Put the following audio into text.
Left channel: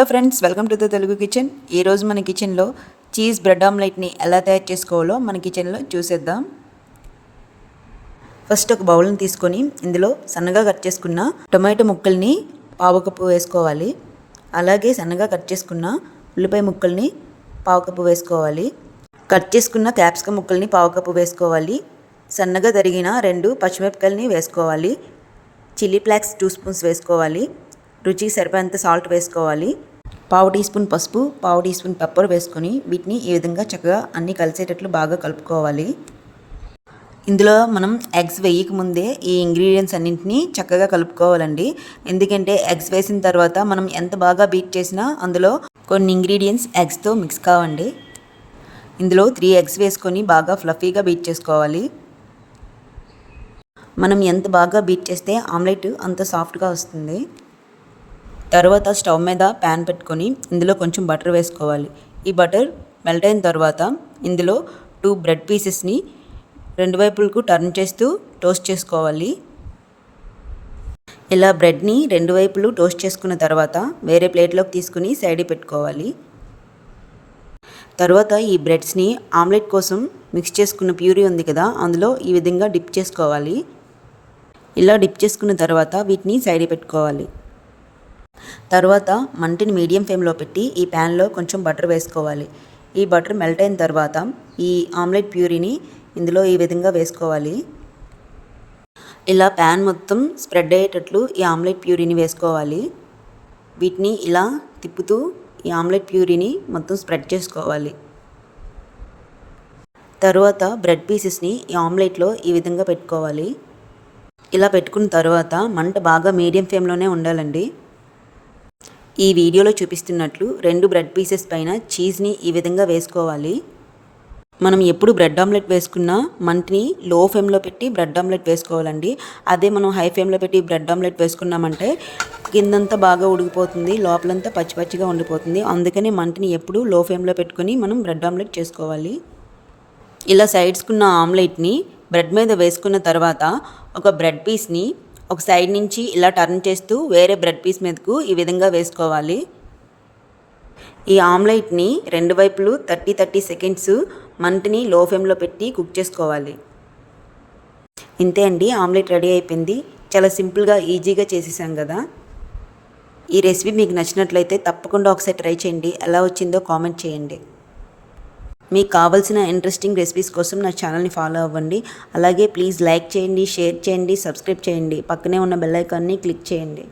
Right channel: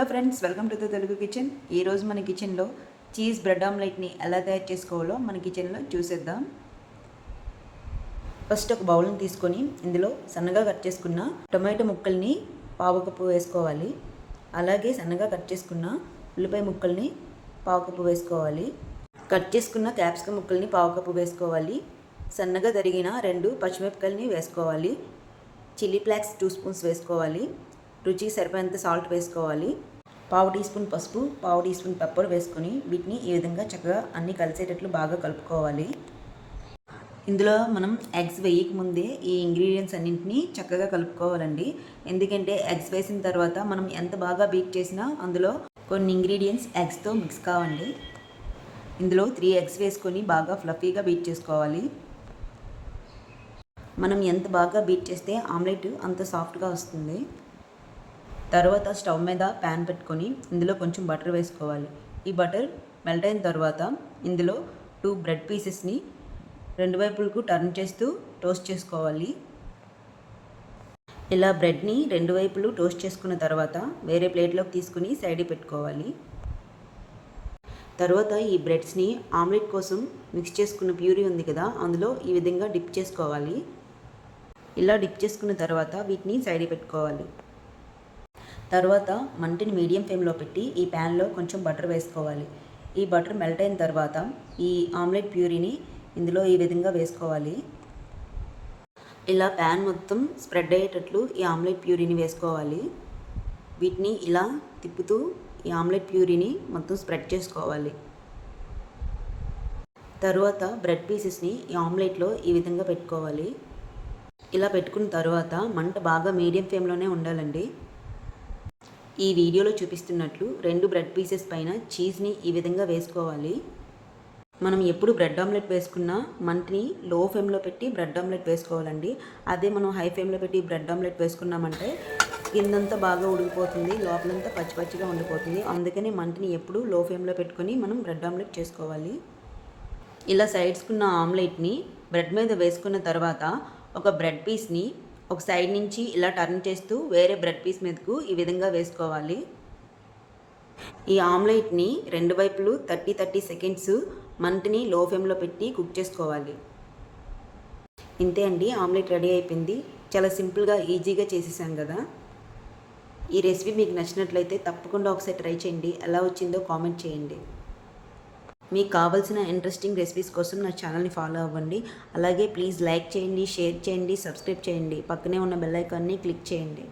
Hello friends, welcome to the Telugu kitchen. ఈరోజు మన కిచెన్లో చీజ్ బ్రెడ్ ఆమ్లెట్ని ఎలా తయారు చేసుకోవాలో మన కిచెన్లో చూసేద్దాం. ఫస్ట్ ఒక బౌల్ని తీసుకొని ఇందులో సన్నగా కట్ చేసుకున్న టొమాటో ముక్కల్ని పావు కప్పు వేసుకోవాలి. అలాగే సన్నగా కట్ చేసుకున్న ఉల్లిపాయ ముక్కల్ని పావు కప్పు వేసుకోవాలి. కట్ చేసుకున్న క్యాప్సికమ్ ముక్కల్ని పావు కప్పు వేసుకోవాలి. సన్నగా తరిగిన 2 పచ్చిమిరపకాయలని వేసుకోవాలి. చిల్లీ ఫ్లేక్స్ 2 స్పూన్స్ వేసుకోవాలి. రుచికి సరిపోయేంత సాల్ట్ వేసుకోవాలి. పావు టీ స్పూన్ పసుపు, పావు టీ స్పూన్ పెప్పర్ వేసుకొని వీటిని ఈ విధంగా చక్కగా అన్నీ కలిసేటట్లు బాగా కలుపుకోవాలి. ఇందులో మనం ఎగ్స్ వేయకముందే ఈ ఇంగ్రీడియంట్స్ అన్నింటినీ చక్కగా కలుపుకోవాలండి. ఎందుకంటే ఎగ్స్ వేసిన తర్వాత మనం ఎంత బాగా బీట్ చేసినా అందులో కొన్ని ఇంగ్రీడియంట్స్ ఎగ్స్తో మిక్స్ కావండి. ఇందులో 3 ఎగ్స్ వేసుకొని బాగా ఫ్లఫీగా బీట్ చేసుకోవాలి. మనం ఎంత బాగా బీట్ చేస్తే ఆమ్లెట్ అంత సాఫ్ట్గా వస్తుంది. తర్వాత స్టవ్ మీద ప్యాన్ పెట్టుకొని ఇందులో కొంచెం బటర్ వేసుకోవాలి. ఈ బటర్ మెల్ట్ అయిన తర్వాత ఇందులో 2 బ్రెడ్ పీసెస్ని 2 వైపులకు టర్న్ చేస్తూ టోస్ట్ చేసుకోవాలి. ఇలా బ్రెడ్ని 2 వైపులు టోస్ట్ చేసుకున్న తర్వాత వేరే ప్లేట్లోకి తీసుకుని సైడ్ పెట్టుకోవాలి. తర్వాత ఈ బ్రెడ్స్ని ఆమ్లెట్ కోసం మిక్స్ చేసుకున్న ప్యూరీ ఉంది కదా, అందులో ఈ విధంగా డిప్ చేసుకోవాలి. ఇలా డిప్ చేసుకున్న తర్వాత వీటిని సైడ్ పెట్టుకోవాలి. తర్వాత మంటని మీడియం ఫ్లేమ్లో పెట్టి ఈ ప్యాన్లో కొంచెం బటర్ వేసుకోవాలి. ఈ బటర్ మెల్ట్ అయిన తర్వాత ఈ ఆమ్లెట్ ప్యూరీని ఇందులో ఈ విధంగా వేసుకోవాలి. ఇలా ప్యాన్ మొత్తం స్ప్రెడ్ అయ్యేటట్లు ఈ ఆమ్లెట్ ప్యూరీని వేసుకోవాలి. వీటిని ఇలా తిప్పుతూ ఈ ఆమ్లెట్ ప్యూరీని మొత్తం స్ప్రెడ్ చేసుకోవాలి. తర్వాత బ్రెడ్ పీసెస్ని ఈ ఆమ్లెట్లో ఈ విధంగా పెట్టుకోవాలి. ఇలా పెట్టుకున్న తర్వాత మంట బాగా మీడియం ఫ్లేమ్లోనే ఉండాలండి. ఈ వీడియోలో చూపిస్తున్నట్లు 2 బ్రెడ్ పీసెస్ పైన చీజ్ని ఈ విధంగా వేసుకోవాలి. మనం ఎప్పుడు బ్రెడ్ ఆమ్లెట్ వేసుకున్నా మంటని లో ఫ్లేమ్లో పెట్టి బ్రెడ్ ఆమ్లెట్ వేసుకోవాలండి. అదే మనం హై ఫ్లేమ్లో పెట్టి బ్రెడ్ ఆమ్లెట్ వేసుకున్నామంటే కిందంతా బాగా ఉడికిపోతుంది, లోపలంతా పచ్చి పచ్చిగా ఉండిపోతుంది. అందుకని మంటని ఎప్పుడు లో ఫ్లేమ్లో పెట్టుకొని మనం బ్రెడ్ ఆమ్లెట్ చేసుకోవాలి. ఇలా సైడ్స్కున్న ఆమ్లెట్ని బ్రెడ్ మీద వేసుకున్న తర్వాత ఒక బ్రెడ్ పీస్ని ఒక సైడ్ నుంచి ఇలా టర్న్ చేస్తూ వేరే బ్రెడ్ పీస్ మీదకు ఈ విధంగా వేసుకోవాలి. ఈ ఆమ్లెట్ని 2 వైపులు 30 సెకండ్స్ మంటని లో ఫ్లేమ్లో పెట్టి కుక్ చేసుకోవాలి. ఇంతే అండి, ఆమ్లెట్ రెడీ అయిపోయింది. చాలా సింపుల్గా ఈజీగా చేసేసాం కదా. ఈ రెసిపీ మీకు నచ్చినట్లయితే తప్పకుండా ఒకసారి ట్రై చేయండి. ఎలా వచ్చిందో కామెంట్ చేయండి. మీకు కావాల్సిన ఇంట్రెస్టింగ్ రెసిపీస్ కోసం నా ఛానల్ని ఫాలో అవ్వండి. అలాగే ప్లీజ్ లైక్ చేయండి, షేర్ చేయండి, సబ్స్క్రైబ్ చేయండి. పక్కనే ఉన్న బెల్ ఐకాన్ని క్లిక్ చేయండి.